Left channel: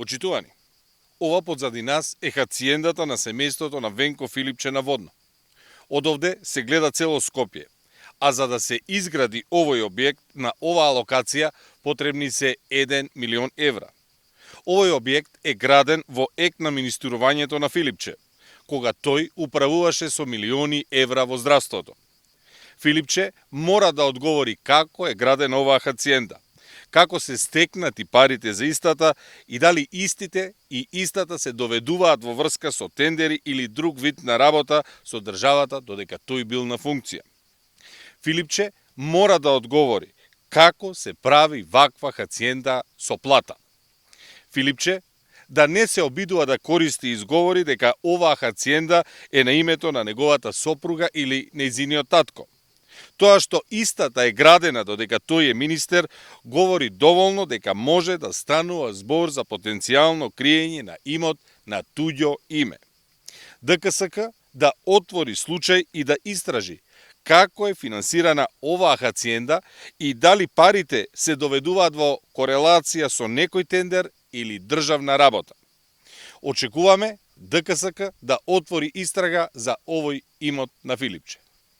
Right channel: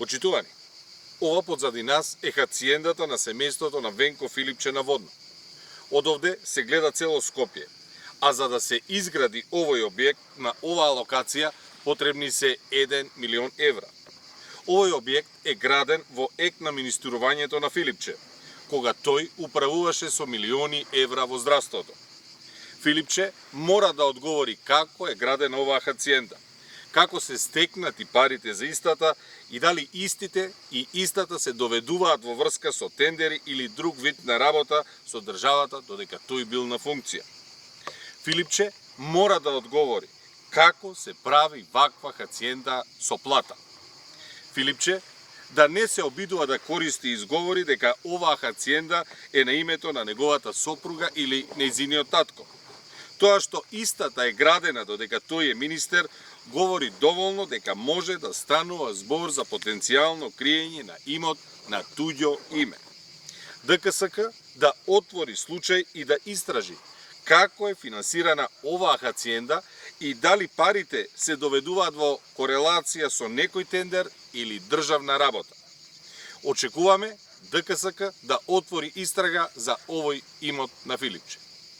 Почитувани, ова подзади нас е хациендата на семејството на Венко Филипче на Водно. Одовде се гледа цело Скопје, а за да се изгради овој објект на оваа локација потребни се 1 милион евра. Овој објект е граден во ек на министрувањето на Филипче, кога тој управуваше со милиони евра во здравството. Филипче мора да одговори како е градена оваа хациенда, како се стекнати парите за истата и дали истата се доведуваат во врска со тендери или друг вид на работа со државата додека тој бил на функција. Филипче мора да одговори како се прави ваква хациенда со плата. Филипче да не се обидува да користи изговори дека оваа хациенда е на името на неговата сопруга или нејзиниот татко. Тоа што истата е градена додека тој е министер, говори доволно дека може да станува збор за потенцијално криење на имот на туѓо име. ДКСК да отвори случај и да истражи како е финансирана оваа хациенда и дали парите се доведуваат во корелација со некој тендер или државна работа. Очекуваме ДКСК да отвори истрага за овој имот на Филипче.